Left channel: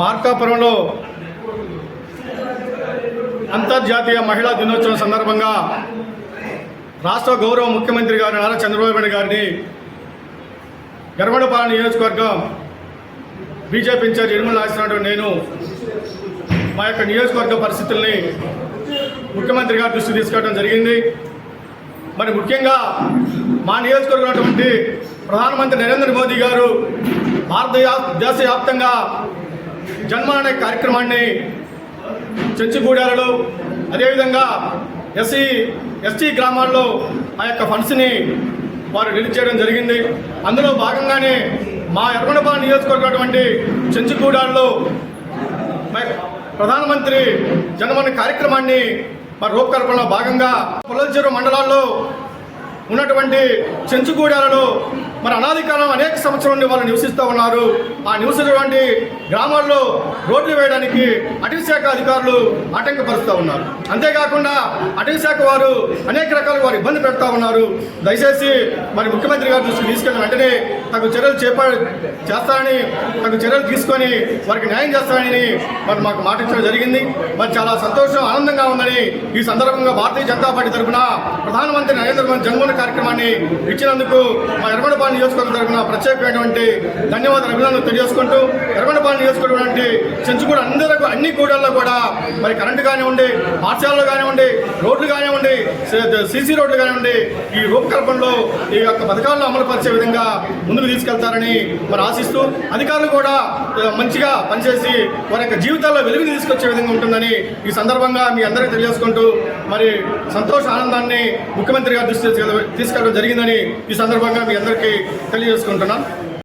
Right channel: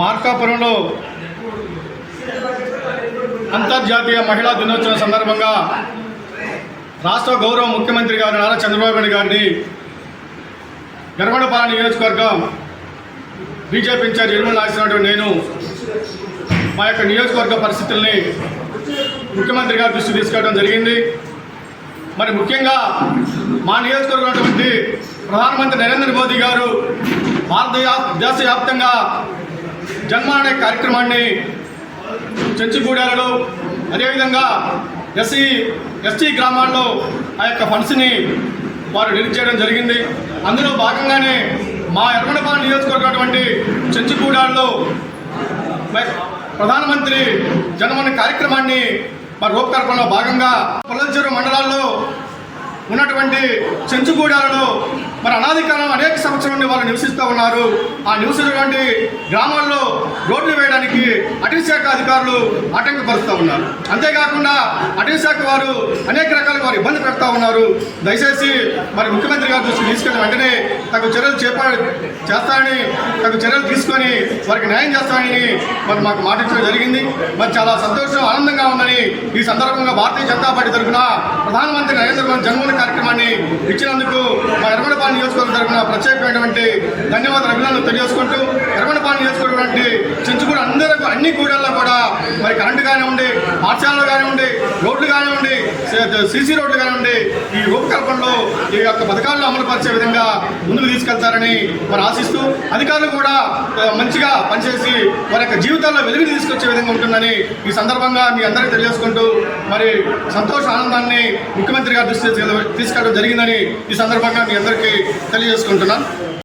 మార్కాపురంలో అంతర్జాతీయ మహిళా దినోత్సవం సందర్భంగా రాష్ట్ర గౌరవ ముఖ్యమంత్రి గారు నారా చంద్రబాబు నాయుడు గారిని గర్వడపాలెం నియోజకవర్గం బీజేపీ ఇన్ఛార్జ్ నిర్మల్ నాగేశ్వరరావు నేను మా యొక్క నియోజకవర్గ పరిస్థితుల్ని ముఖ్యమంత్రి గారి దృష్టికి తీసుకెళ్ళడం జరిగింది. మరి ముఖ్యంగా మా నియోజకవర్గం ఉన్నటువంటి ప్రధానమంత్రి నరేంద్ర మోదీ గారు దేశవ్యాప్తంగా జన్మ అనే కార్యక్రమాన్ని చెంచుగూడాలలో అదేవిధంగా ఎస్టీ గ్రామాల్లో ఆ యొక్క ఫండ్స్ని వారు రిలీజ్ చేయడం జరిగింది. అందులో భాగంగానే మా ఎర్రగొండపాలెం నియోజకవర్గం చెంచుగూడాల్లో ప్రధానమంత్రి జనమన కార్యక్రమాన్ని మరి రూపకల్పనలో భాగంగా పొలంచెరు మండలాల్లో ఉన్నటువంటి చెంచుగూడాలలో మరి అనాది కాలం అనేక సంవత్సరాల నుండి వాళ్ళు నివసిస్తూ ఉన్నారు. ఆ నివసించినటువంటి గ్రామాల్లో రోడ్లు వేయడానికి అటవీ శాఖ అధికారులు ఆటంకపరుస్తూ ఉన్నారు. అంతేకాకుండా అటవీ శాఖ వారు అనేక రకాలుగా వారు ఇబ్బంది పెడతా ఉన్నారు. దయచేసి మరి ముఖ్యమంత్రి గారి దృష్టికి తీసుకెళ్ళిన వెంటనే తగు చర్యలు చేస్తారని తగు చర్యలు తీసుకొని వారికి న్యాయం చేస్తారని మరి మాకు మాట ఇచ్చడం జరిగింది. మరి చాలా సంతోషం ఆనందంగా ఉందని ఈ సందర్భంగా భారతీయ జనతా పార్టీ తరఫున ప్రధానమంత్రి నరేంద్ర మోదీ జన్మదిన కార్యక్రమాన్ని ఇచ్చినందుకు మా ఎర్రగొండపాలెం నియోజకవర్గం తరఫున ప్రత్యేకమైనటువంటి ధన్యవాదాలు అభినందనలు తెలియజేసుకుంటూ ఎర్రగొండపాలెం నియోజకవర్గం చెంచుగూడ అందరికీ అన్ని కూడల్లో కూడా మరి కరెంటు కానివ్వండి, పాఠశాలలు కానివ్వండి, రోడ్లు కానివ్వండి, సీసీ రోడ్లు కానివ్వండి ఈ రూపకల్పనలో ఈ యొక్క పథకాలను అమలు పరిచే విధంగా ముందుకు తీసుకెళ్తారని మరి ఆశిస్తూ అధికారులు కూడా మంచిగా పనిచేసి వారి యొక్క జీవితాల్లో వెలుగు తీసుకొచ్చే విధంగా ఉంటుందని ఈ సందర్భంగా మీ అందరికీ తెలియజేసుకుంటూ మరి సంతోష ఆనందాన్ని ముఖ్యమంత్రి గారి దృష్టి తీసుకెళ్ళడం జరిగిందని ఈ సందర్భంగా మీ అందరికీ తెలియజేసుకుంటున్నాను.